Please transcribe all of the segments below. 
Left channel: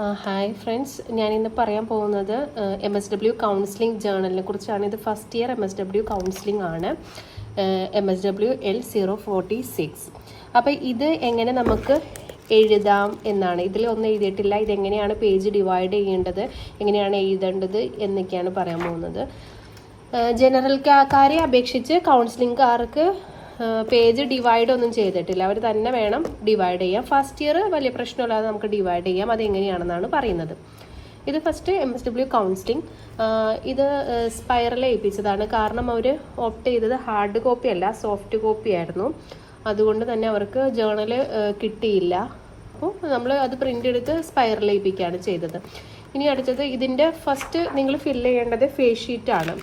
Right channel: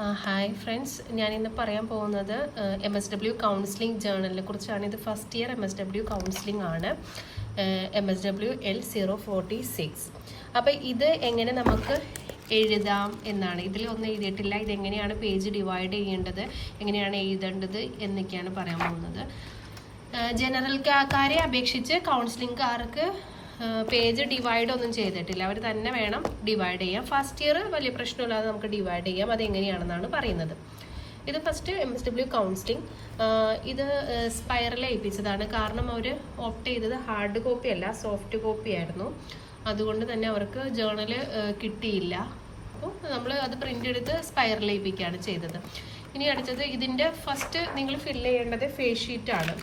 Hi friends, ഞാനിന്ന് പറയാൻ പോകുന്നത് MSW കൗൺസിലിംഗ് ജേർണലിനെ കുറിച്ചാണ്. ഇത് ഫസ്റ്റ് ഇയർ MSW കൗൺസിലിംഗ് ആണ്, MSW L046. അപ്പോൾ ഇത് എങ്ങനെ നമുക്ക് എഴുതാം എന്നാണ്. ഇതിലൊന്നും എഴുതിയിട്ടില്ല. ഇതെങ്ങനെയാണ് പേജ് ഡിവൈഡ് ചെയ്യേണ്ടത്, എങ്ങനെയാണ് എഴുതേണ്ടത് എന്നൊക്കെയാണ് പറയാൻ പോകുന്നത്. ജനറൽക്കാരെ അപേക്ഷിച്ച് കൗൺസിലിംഗുകാർക്ക് പേജ് ഡിവൈഡ് ഒന്നും ചെയ്തിട്ടില്ല. അവർ തന്നെ വേണം ഡിവൈഡ് ചെയ്യാം. ഫസ്റ്റ് ഇയർ വലിയ പ്രശ്നമില്ലാതെ നമുക്ക് ഡിവൈഡ് ചെയ്യാം. അതെങ്ങനെയാണെന്നാണ് പറയുന്നത്. ഇത് ഫസ്റ്റ് MSW കൗൺസിലിംഗ്. ഇത് സ്പൈറൽ ഏൽപ്പിച്ചതാണ്. കാരണം അവർ ഓപ്റ്റ് ചെയ്തത് ഹാർഡ് കോപ്പി അല്ല, സോഫ്റ്റ് കോപ്പി ആയിരുന്നു. അതുകൊണ്ട് തന്നെ അവർക്ക് ജേർണൽ കിട്ടിയില്ല. അപ്പോൾ നമ്മൾ അത് പ്രിൻ്റ് എടുത്ത് സ്പൈറൽ ഏൽപ്പിക്കുകയാണ് ചെയ്തത്. ഇനി അടുത്തത് ഇതിൻ്റെ ഫസ്റ്റ് നിങ്ങൾ ഫില്ല് ചെയ്യേണ്ടത് ഫേസ് ഷീറ്റാണ്.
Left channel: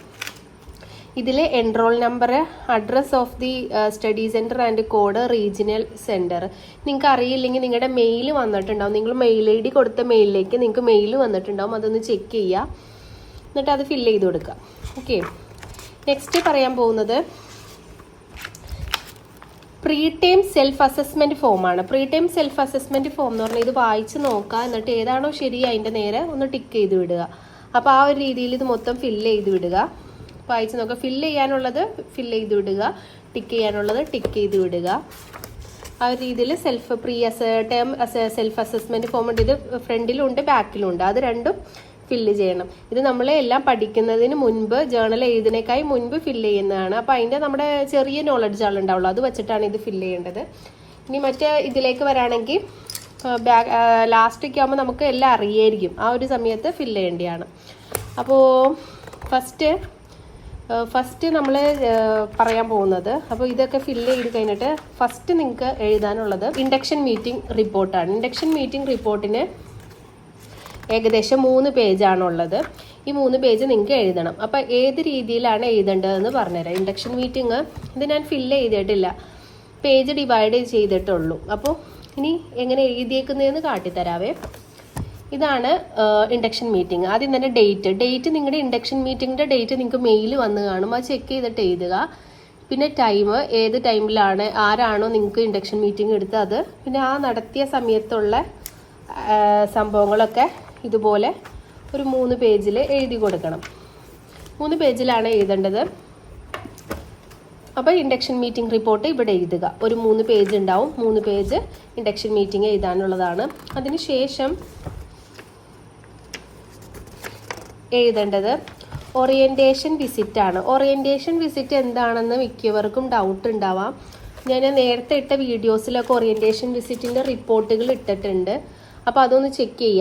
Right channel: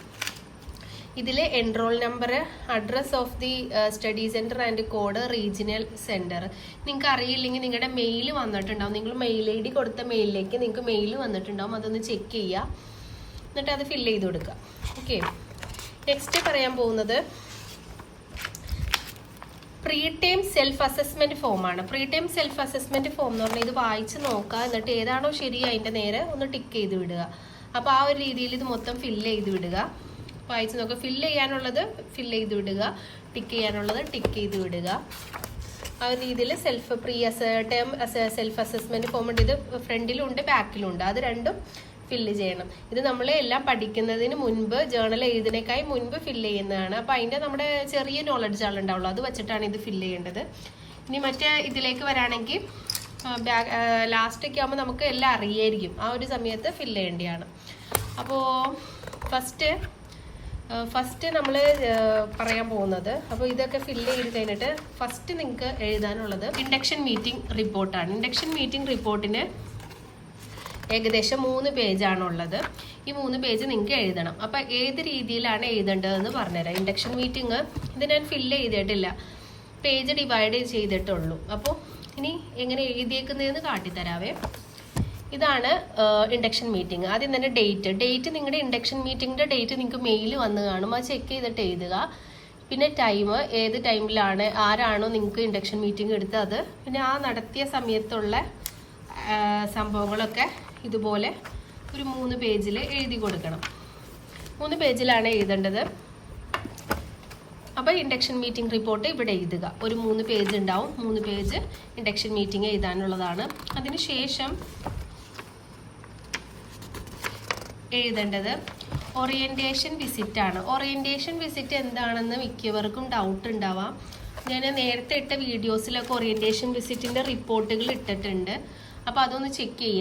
ഇതിൽ enrol number, address of the study centre and code, regional centre. നിങ്ങൾക്ക് അറിയില്ലെങ്കിൽ നിങ്ങളുടെ മെയിൽ വന്നിട്ടുണ്ടാവും. നിങ്ങൾ മെയിൽ ID കൊടുത്ത മെയിലിലേക്ക് നിങ്ങൾക്ക് മെയിൽ വന്നിട്ടുണ്ടാവും. അതൊന്ന് ചെക്ക് ചെയ്യുക, എന്നിട്ട് അത് ഫില്ല് ചെയ്ത് കൊടുക്കുക. ഓക്കെ, നെക്സ്റ്റ് പറയാൻ പോകുന്നത് പ്രീ ടൈം സെൽഫ് അസസ്മെൻറ്റ് ഫോമാണ്. Pre time self assessment form എന്ന് പറഞ്ഞാൽ ഇത് വായിച്ച് നോക്കുക, എന്നിട്ട് ഏതാണോ ശരി അതിൻ്റെ നേരെ ഒന്ന് ടിക്ക് ചെയ്ത് വിടുക. അപ്പോൾ ആ ഒരു രീതിയിൽ ഇത് മൊത്തം ഫില്ല് ചെയ്ത് വിടുക. വായിച്ച് നോക്കുക. ഫില്ല് ചെയ്യാനുള്ളത് ഫില്ല് ചെയ്ത് വിടുക, ടിക്ക് ചെയ്യാനുള്ളത് ടിക്ക് ചെയ്ത് വിടുക. ആ രീതിയിൽ ടേം സെൽഫ് അസസ്മെൻറ്റ് ഫോം ഉണ്ട്. ഇത് ഫ്രണ്ടിലുണ്ട് ബാക്കിലുണ്ട്. അത് രണ്ടും ഫില്ല് ചെയ്യണം. ഇത് നമ്മൾ എല്ലാം പഠിക്കുന്നതിന് മുൻപ്, ജേർണൽ എഴുതുന്നതിനേക്കായി മുൻപ് ഫില്ല് ചെയ്യുന്നതാണ്. അപ്പോൾ അതിൻ്റെ നമ്മുടെ ചെറിയ നോളജ് ആളുണ്ടാവുള്ളൂ, അത് വെച്ചിട്ടാണ് ഇത് ഫില്ല് ചെയ്യേണ്ടത്. ഇനി മറ്റേ ഇതിലേക്ക് വരാണെങ്കിൽ ലാസ്റ്റൊക്കെ ആകുമ്പോൾ നമുക്ക് എല്ലാം അറിയായിരിക്കും. ആ ഒരു സമയത്ത് ഫില്ല് ചെയ്യേണ്ടതാണ്. അപ്പോൾ ഫസ്റ്റ് നമ്മൾ പറയാൻ പോകുന്നത്, അപ്പോൾ ഇതൊക്കെ ഫില്ല് ചെയ്ത് കഴിഞ്ഞിട്ട് ഫസ്റ്റ് നിങ്ങൾക്ക് എഴുതാനുള്ളത് ഇൻഡക്ഷൻ മീറ്റിംഗ് റിപ്പോർട്ടാണ്. ഇൻഡക്ഷൻ മീറ്റിംഗ് റിപ്പോർട്ടിന് ഏകദേശം 3 പേജാണുള്ളത്. ഈ 3 പേജ് നിങ്ങൾക്ക് എഴുതണം. അപ്പോൾ ഏത് രീതിയിലാണ് എഴുതേണ്ടതെന്ന് പറഞ്ഞുതരാം. ഇൻഡക്ഷൻ മീറ്റിംഗ് ഇത് ഞാൻ ഫില്ല് ചെയ്തിട്ടില്ല, പേജ് ഡിവൈഡ് ചെയ്തിട്ടുള്ളൂ. അപ്പോൾ ഇനി എങ്ങനെ എഴുതിയേക്കുന്നതെന്ന് കാട്ടിത്തരാവേ. ഇതാണ് ഇൻഡക്ഷൻ മീറ്റിംഗ്. ആദ്യം തന്നെ ഡേറ്റ് നിങ്ങളുടെ ഇൻഡക്ഷൻ മീറ്റിങ്ങിൻ്റെ ഡേറ്റ് നിങ്ങൾക്ക് മെയിൽ വന്ന് കാണും. അത് ചെക്ക് ചെയ്തിട്ട് എഴുതുക. പിന്നെ ടൈം, ഏത് ടൈമിലാണ് ആരാണോ നിങ്ങൾക്ക് ഇൻഡക്ഷൻ മീറ്റിംഗ് എടുത്തത് അത്, പിന്നെ ആ നടത്തിയ സമയത്തുള്ള സംഭവങ്ങളൊക്കെ ഇതുപോലെ ഒരു 3 പേജിൽ എഴുതി കൊടുക്കണം. 3 പേജിലാണ് എഴുതേണ്ടത്. അപ്പോൾ ഇൻഡക്ഷൻ മീറ്റിംഗ് റിപ്പോർട്ട് ഇവിടെ എഴുതുക. ഒരു 3 പേജ് ഉണ്ടാവും. 3 പേജ് ഇൻഡക്ഷൻ മീറ്റിംഗ് എഴുതാനുള്ളതാണ്. അതിനുശേഷം എഴുതേണ്ടത് ഓറിയൻറ്റേഷൻ വിസിറ്റ് ആണ്. ഓറിയൻറ്റേഷൻ വിസിറ്റ് എന്താണെന്ന് മിക്കവർക്കും ഡൗട്ട് ഉണ്ടാവാം. ഞാൻ നേരത്തെ ഇട്ട വീഡിയോസിലൊക്കെ ഓറിയൻറ്റേഷൻ വിസിറ്റിൻ്റെ റിപ്പോർട്ടുകൾ ഇട്ടിട്ടുണ്ട്. അപ്പോൾ അതൊന്ന് ചെക്ക് ചെയ്യുക.